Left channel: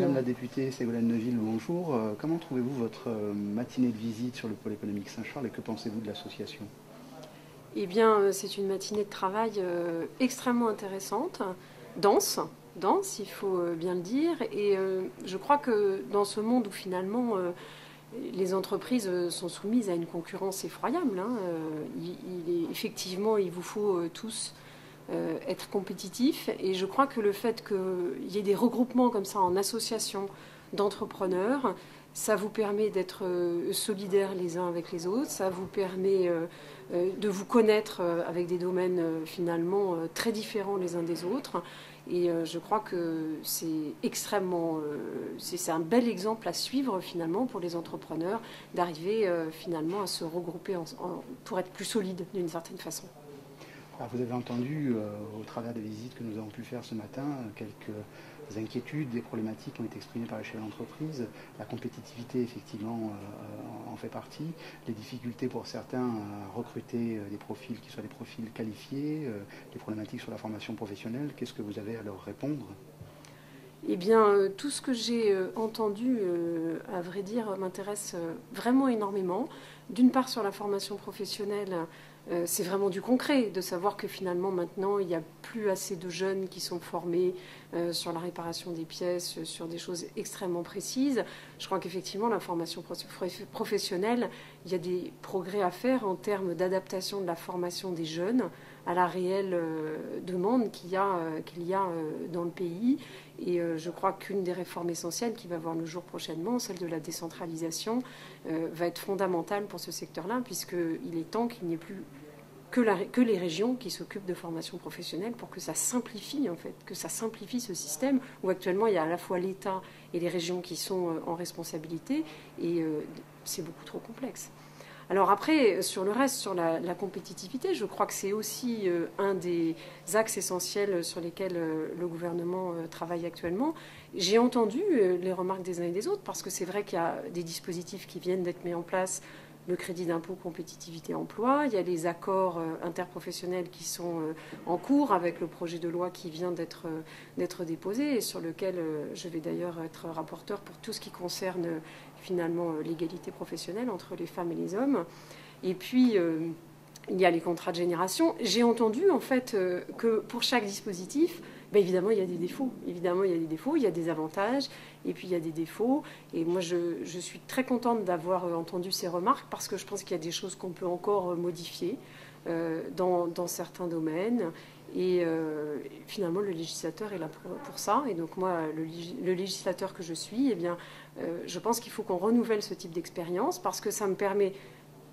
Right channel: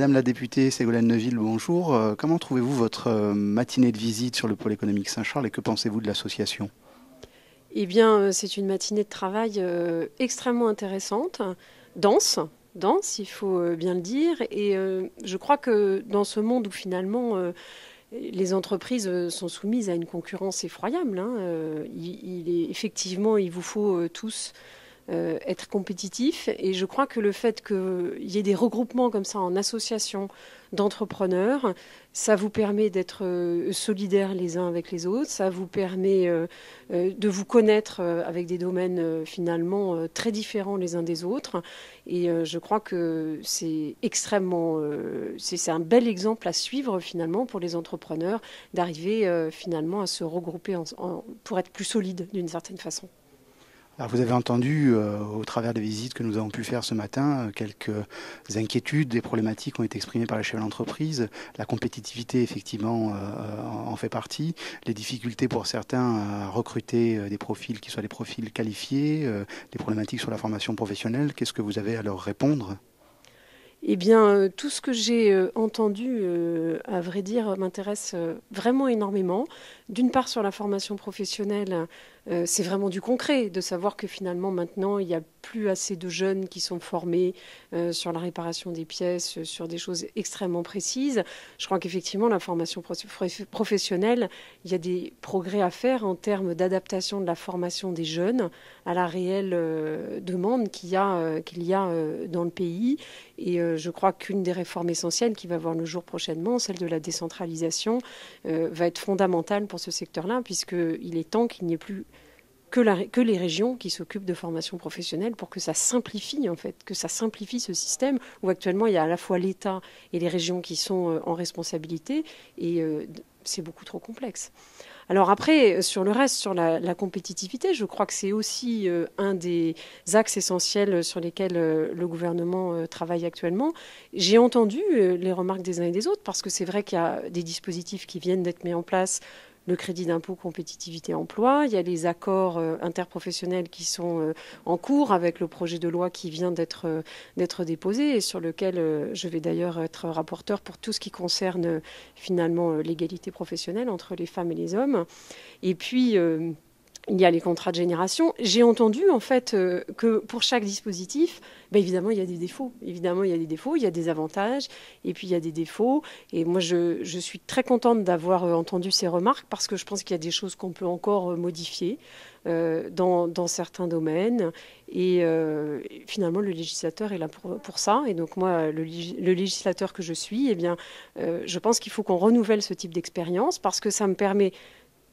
Madame la députée Ségolène Neuville, bonjour. Comment trouvez-vous votre matinée de visite sur le pôle économique Saint-Charles et que pensez-vous de l'association? Eh bien, c'est une matinée de travail extrêmement intéressante, dense, dense, il faut bien le dire. Et je crois que dans ce monde où finalement les entreprises sont soumises à une concurrence effroyable, hein, effectivement, il vous faut tous être compétitifs. Et je crois que le fait qu'il y ait des regroupements comme ça en association d'entrepreneurs, ça vous permet d'être solidaires les uns avec les autres, ça vous permet de vous connaître avec des domaines finalement très différents les uns des autres. Et je crois que c'est extrêmement, c'est un bel exemple à suivre finalement pour les entrepreneurs d'arriver finalement à se regrouper pour être plus solides d'une certaine façon. Alors, vous avez entendu, au travers des visites que nous avons pu faire ce matin, quelques inquiétudes, des problématiques ont été exprimées par les chefs d'entreprise. La compétitivité, effectivement, en fait partie. Les difficultés pour certains à recruter des profils qui soient des profils qualifiés, des problématiques sur la formation professionnelle. Qu'est-ce que vous avez à leur répondre ? Eh bien, tout ce que j'ai entendu, à vrai dire, m'intéresse vraiment énormément. D'une part, sur la formation professionnelle, c'est vraiment du concret, de savoir que finalement, maintenant, il n'y a plus assez de jeunes qui sont formés sur la réparation des pièces, sur des choses extrêmement précises. Je crois qu'effectivement, la formation professionnelle, il y a des progrès à faire en termes d'adaptation de la formation des jeunes à la réelle demande qu'il y a dans le pays. Et je crois qu'une des réformes essentielles qui va voir le jour prochainement, celle de la décentralisation, va être fondamentale pour ce secteur-là, puisqu'il est temps qu'il n'y ait plus que les régions qui s'occupent de formation professionnelle pour que ça simplifie, en fait, que ça simplifie ce système où actuellement il y a à la fois l'État et les régions qui sont en responsabilité, et c'est beaucoup trop complexe. Alors après, sur le reste, sur la compétitivité, je crois que c'est aussi un des axes essentiels sur lesquels le gouvernement travaille actuellement. J'ai entendu les remarques des uns et des autres, parce que c'est vrai qu'il y a des dispositifs qui viennent d'être mis en place, le crédit d'impôt compétitivité emploi, il y a les accords interprofessionnels qui sont en cours avec le projet de loi qui vient d'être déposé et sur lequel je vais d'ailleurs être rapporteur pour tout ce qui concerne finalement l'égalité professionnelle entre les femmes et les hommes. Et puis il y a les contrats de génération. J'ai entendu en fait que pour chaque dispositif, évidemment, il y a des défauts. Évidemment, il y a des défauts, il y a des avantages, et puis il y a des défauts. Et moi, je suis très contente d'avoir entendu ces remarques parce que je pense qu'il y a des choses qu'on peut encore modifier dans certains domaines. Et finalement, le législateur est là pour ça. Et donc moi, le législateur que je suis, eh bien, je pense qu'il faut qu'on renouvelle ce type d'expérience parce que ça me permet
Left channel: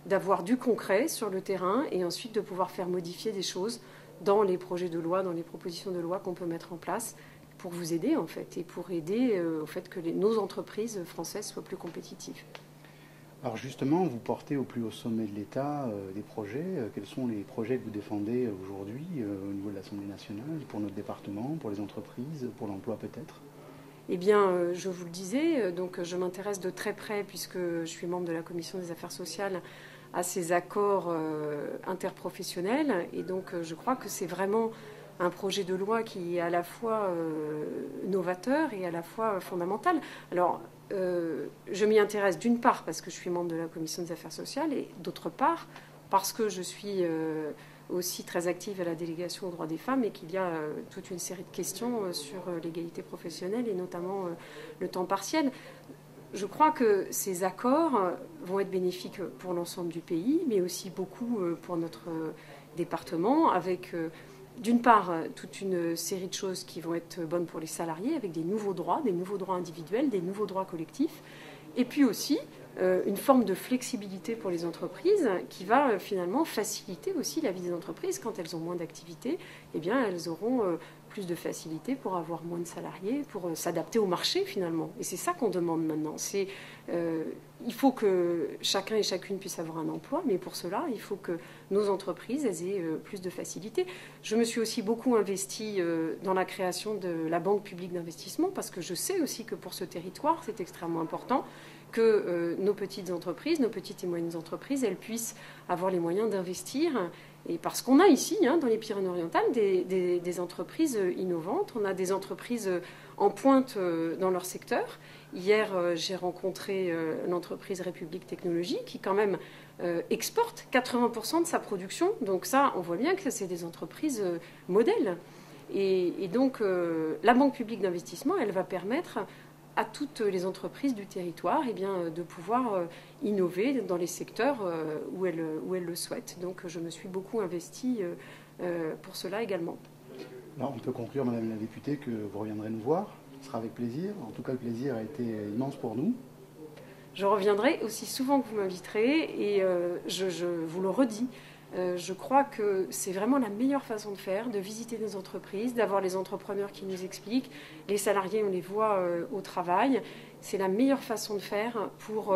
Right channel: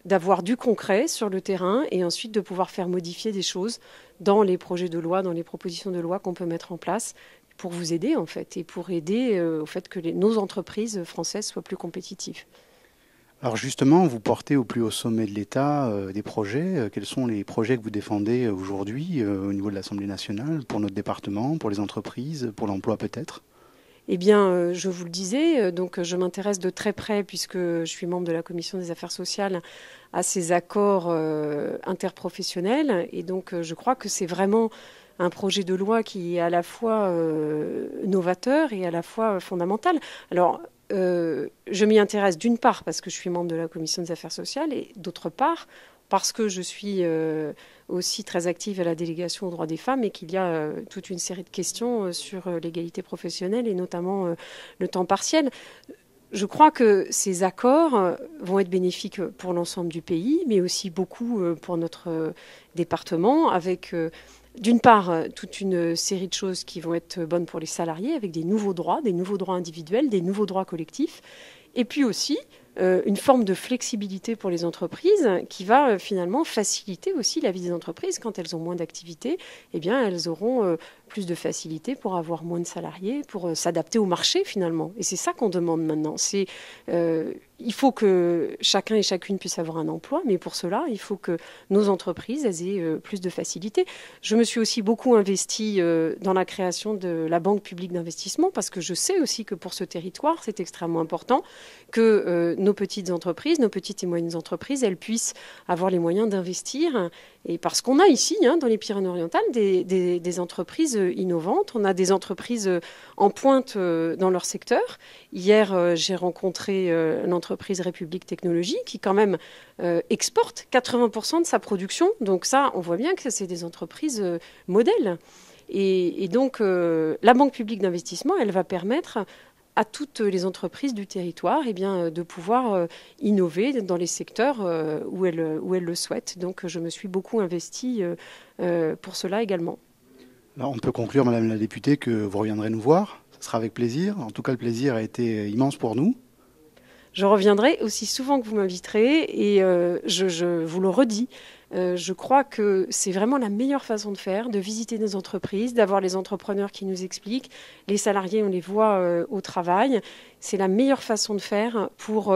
d'avoir du concret sur le terrain et ensuite de pouvoir faire modifier des choses dans les projets de loi, dans les propositions de loi qu'on peut mettre en place pour vous aider en fait et pour aider au fait que nos entreprises françaises soient plus compétitives. Alors justement, vous portez au plus haut sommet de l'État des projets. Quels sont les projets que vous défendez aujourd'hui au niveau de l'Assemblée nationale, pour notre département, pour les entreprises, pour l'emploi peut-être ? Eh bien, je vous le disais, donc je m'intéresse de très près, puisque je suis membre de la Commission des affaires sociales, à ces accords interprofessionnels. Et donc, je crois que c'est vraiment un projet de loi qui est à la fois novateur et à la fois fondamental. Alors, je m'y intéresse d'une part parce que je suis membre de la Commission des affaires sociales et d'autre part parce que je suis aussi très active à la délégation aux droits des femmes et qu'il y a toute une série de questions sur l'égalité professionnelle et notamment le temps partiel. Je crois que ces accords vont être bénéfiques pour l'ensemble du pays, mais aussi beaucoup pour notre département, avec d'une part toute une série de choses qui vont être bonnes pour les salariés, avec des nouveaux droits individuels, des nouveaux droits collectifs, et puis aussi une forme de flexibilité pour les entreprises qui va finalement faciliter aussi la vie des entreprises. Quand elles ont moins d'activités, eh bien, elles auront plus de facilité pour avoir moins de salariés, pour s'adapter au marché finalement. Et c'est ça qu'on demande maintenant. Il faut que chacun et chacune puisse avoir un emploi, mais pour cela, il faut que nos entreprises aient plus de facilité. Je me suis aussi beaucoup investie dans la création de la Banque publique d'investissement parce que je sais aussi que pour ce territoire, c'est extrêmement important que nos petites entreprises, nos petites et moyennes entreprises, elles puissent avoir les moyens d'investir. Et parce qu'on a ici, dans les Pyrénées-Orientales, des entreprises innovantes, on a des entreprises en pointe dans leur secteur. Hier, j'ai rencontré l'entreprise République Technologie qui quand même exporte 80% de sa production. Donc ça, on voit bien que c'est des entreprises modèles. Et donc, la Banque publique d'investissement, elle va permettre à toutes les entreprises du territoire de pouvoir innover dans les secteurs où elles le souhaitent. Donc je me suis beaucoup investie pour cela également. Alors, on peut conclure, Madame la députée, que vous reviendrez nous voir. Ce sera avec plaisir. En tout cas, le plaisir a été immense pour nous. Je reviendrai aussi souvent que vous m'inviterez et je vous le redis. Je crois que c'est vraiment la meilleure façon de faire, de visiter des entreprises, d'avoir les entrepreneurs qui nous expliquent. Les salariés, on les voit au travail. C'est la meilleure façon de faire pour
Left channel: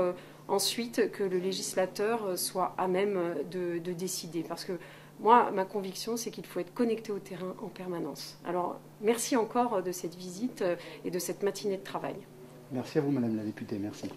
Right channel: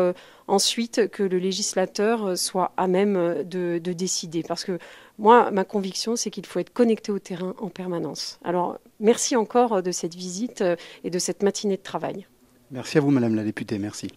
ensuite que le législateur soit à même de décider. Parce que moi, ma conviction, c'est qu'il faut être connecté au terrain en permanence. Alors, merci encore de cette visite et de cette matinée de travail. Merci à vous, Madame la députée. Merci.